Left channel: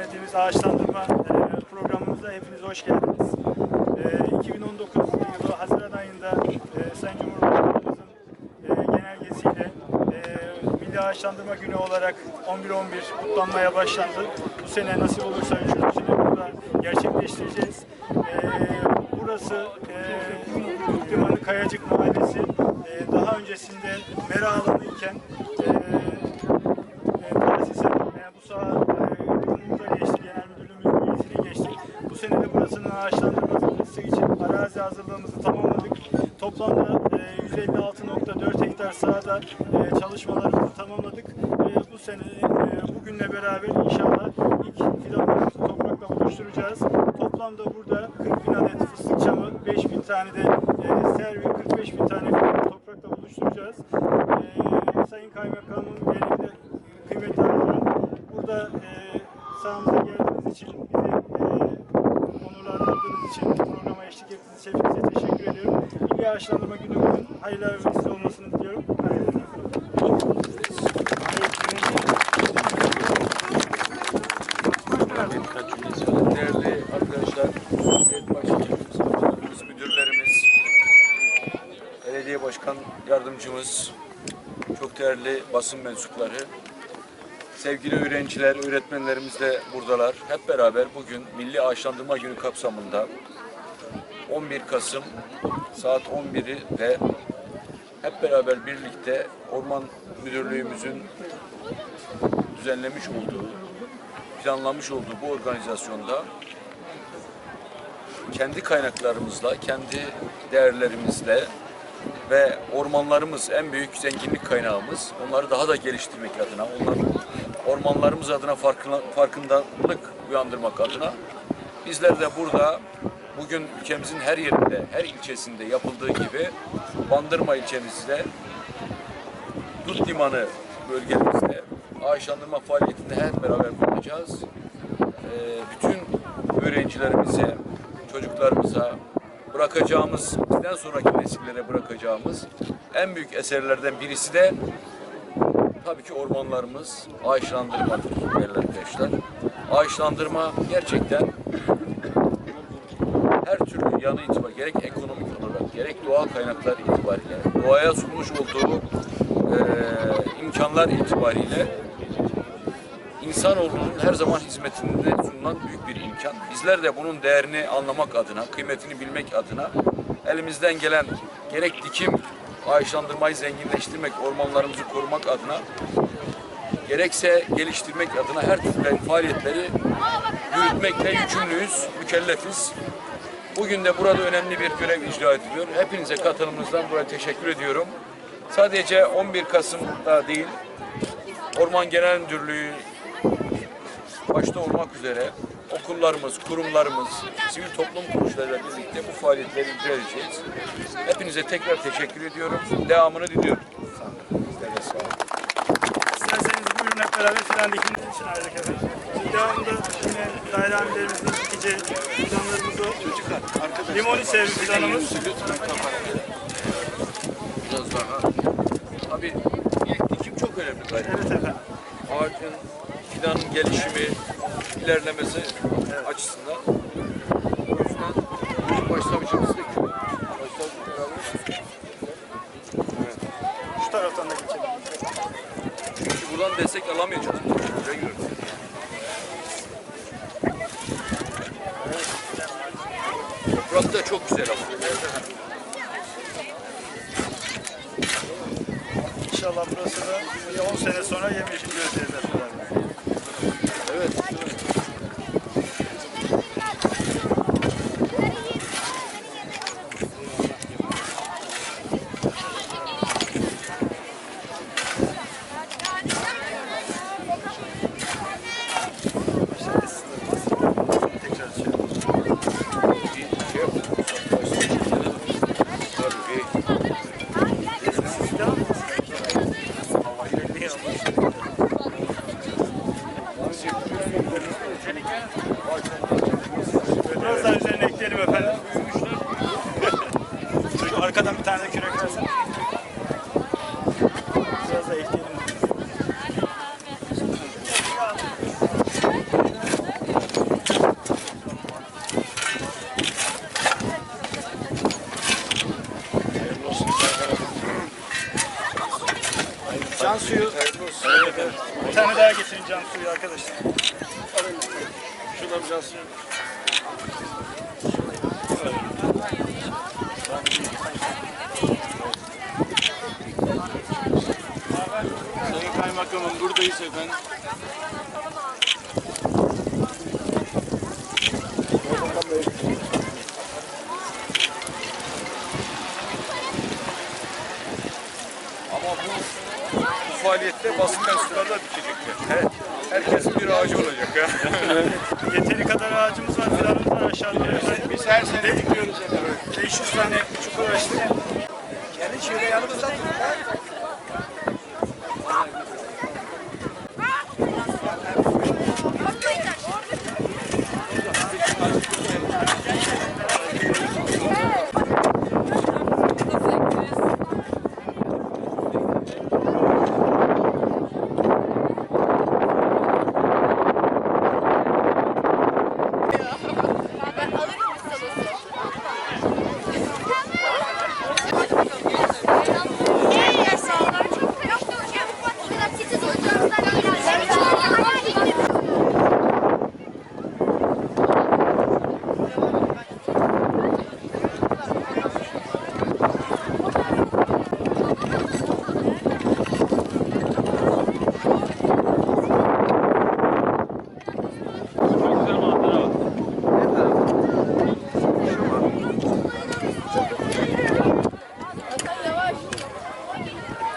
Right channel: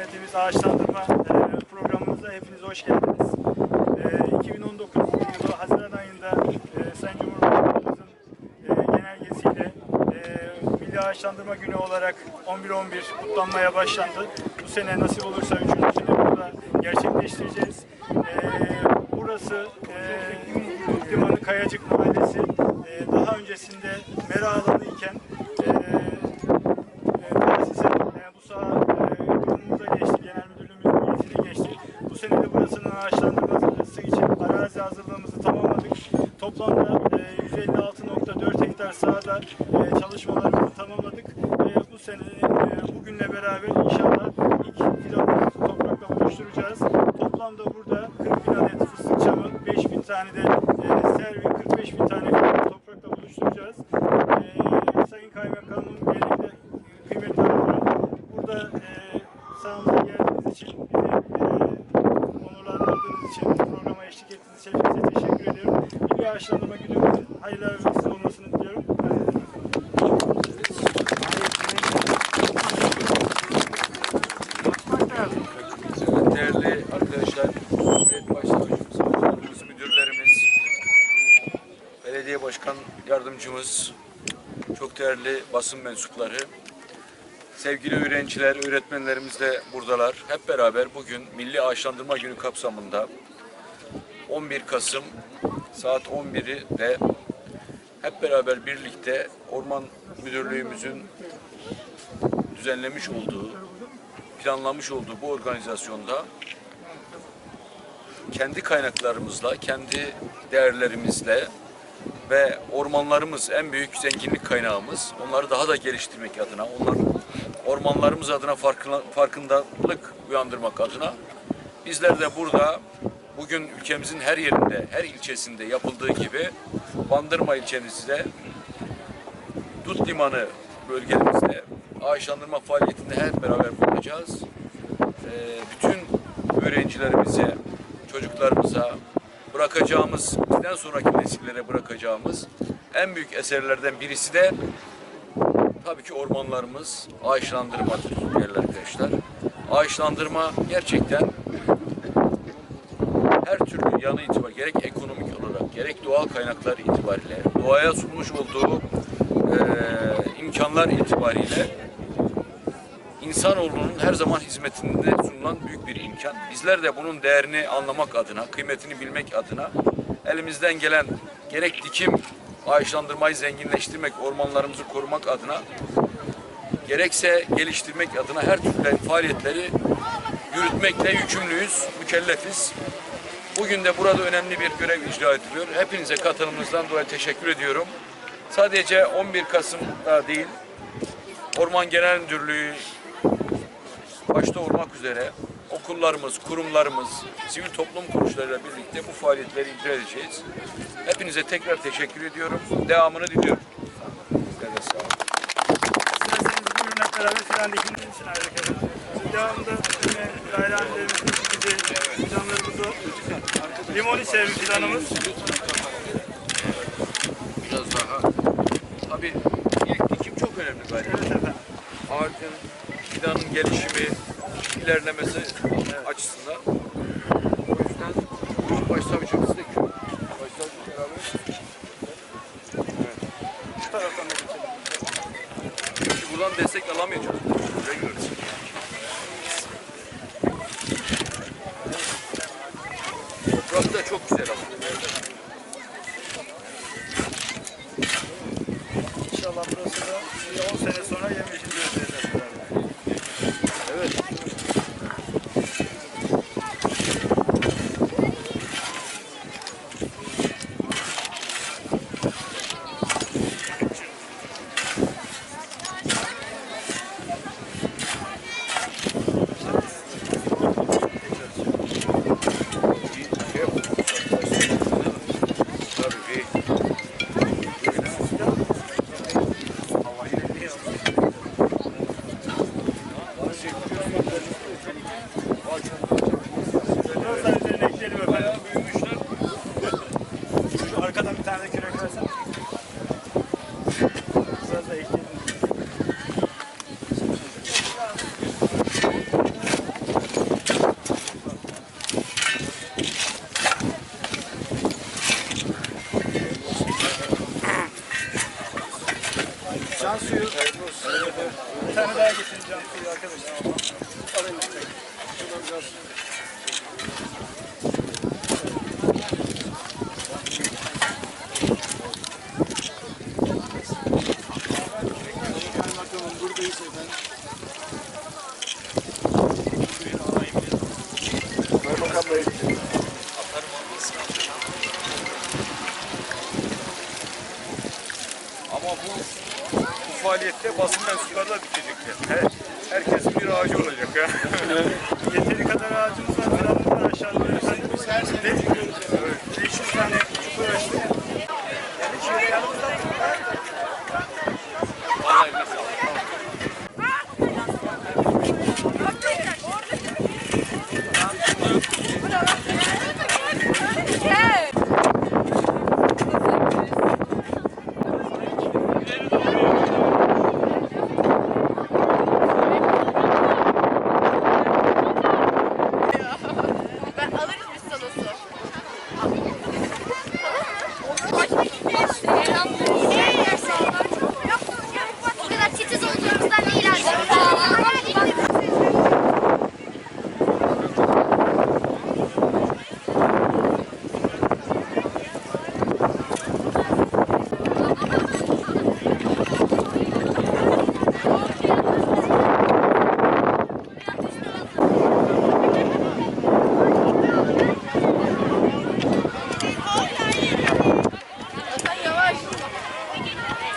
Yönetimiz ağaçlandırma e, programımıza hepiniz hoş geldiniz. E, 2019 yılı Haziran ayında e, Sayın Cumhurbaşkanımızın e, genelgesiyle e, Milli Ağaçlandırma Günü olarak 11-11 kutlanmaya başlandı. Bu sene nasip olursa üçüncüsünü burada gerçekleştireceğiz. E, burası e, Limanı Kayacık Mahallesi. E, daha öncesinde mera alanı iken e, e, tahsise e, bu saha e, kurumumuza geçti, genel müdürlüğümüzün yetkili geçti. Bu burasının ağaçlandırması için arazi hazırlığımızı tamamladık. Toplamda e, 156.4 hektar sahada e, çalışmalarımızı tamamladık. E, bu sene e, bugünle beraber inşallah ilk fidanlarımızı toprakla buluşturacağız. Toplamda burada 40 bin adet fıstık çamı, 5 bin tane de e, servi, 45 bin tane toprakla buluşturacağız. E, Sayın Kaymakamım, kıymetli burada e, hepinize teşekkür ediyorum. Milli Ağaçlandırma Günümüzün hayırlı ve vesile olmasını diliyorum. Değerli arkadaşlar, Cumhuriyet Başsavcımız, savcılarımız, müdürlerimiz, belediye başkan yardımcımız, çok değerli basın mensupları, sevgili öğrenciler, öğretmenlerimiz de buradalar. Hep beraber bugün Milli Ağaçlandırma Günü kapsamında 11 Kasım saat 11'i de hep beraber birlikte Orman Müdürlüğümüzün düzenlemiş olduğu planlamış olduğu bu organizasyonda kendi kaynaklarımızla, kendi değerlerimizle ve ormanlarımız en büyük zenginlik kaynağımız. Onları daha da geliştirmek adına, onlar ormanlarımız adına farkındalık uyandırmak adına bizler de burada bugün ülkemizin her yerinde, her ilçesinde yapıldığı gibi Bandırma ilçemizde Dut Limanı bölgemizde ağaçlandırma faaliyetinde hep beraber bulunacağız. Ee, bütün öğrencilerimize, çocuklarımıza bırakacağımız, bizden sonraki nesillere bırakacağımız en büyük eserlerden birisi de tabii ki ormanlarımız ağaçlandırmadır değerli arkadaşlar. Ağaçlandırma gerçekten her türlü yanı itibariyle gerek ekonomik olarak gerek doğal kaynaklar itibariyle doğaya sunmuş olduğu eee, imkanlar itibariyle insanoğlunun her zaman hizmetinde sunulan büyük bir imkan. Bizler de bunun değerini anlamak adına, kıymetini bilmek adına elimizden gelen gerek dikim, ağaçlandırmayı zenginleştirmek, ormanlarımızı korumak adına gerekse geliştirmek adına her türlü faaliyetleri yürütmekle yükümlüyüz, mükellefiz. Bugün de burada önemli bir görev icra ediliyor. Hepinize katılımınızdan dolayı teşekkür ediyorum. Sadece 11 Kasım'da değil, Orman Genel Müdürlüğü başta olmak üzere okullarımız, kurumlarımız, sivil toplum kuruluşlarıyla birlikte bu faaliyetleri icra edeceğiz. Hepinize tekrar teşekkür ediyorum. Devamını diliyorum. Sizlere de sağ olun. İsterseniz buyurun beraber filan için efendim. Devamında yine daire amirlerimizin dikeceği fidanlarımız o. Limoni sevgi fidanımız. Biraz daha. Tabii ilk dikim çok önemli galiba. Evet efendim. ağacın fidanın gelişimi, ilerlemesi açısından. O yüzden bizim başsavcımız da köy. Başsavcı beraber. Evet. Şu taraftan da geçelim. Çünkü buradan destek alamayacağız. Rengiyoruz. Toprak da çok güzel ama. İnşallah burası da bir 10 sene sonra yemyeşil Biraz da ekleyelim. Can suyu. Evet, evet. Bir tane daha getirin can suyu arkadaşlar. Alın. Şuradan can suyu. Buradayız efendim. Ama bu, bu faaliyette basın mensupları da dikecekler. Her, herkesin bir ağacı olacak. Ha. Yeteri kadar ağacımız var, fidanımız var aşağıda. Biz her sene dikiyoruz. Evet. 500 tane çukur açtık.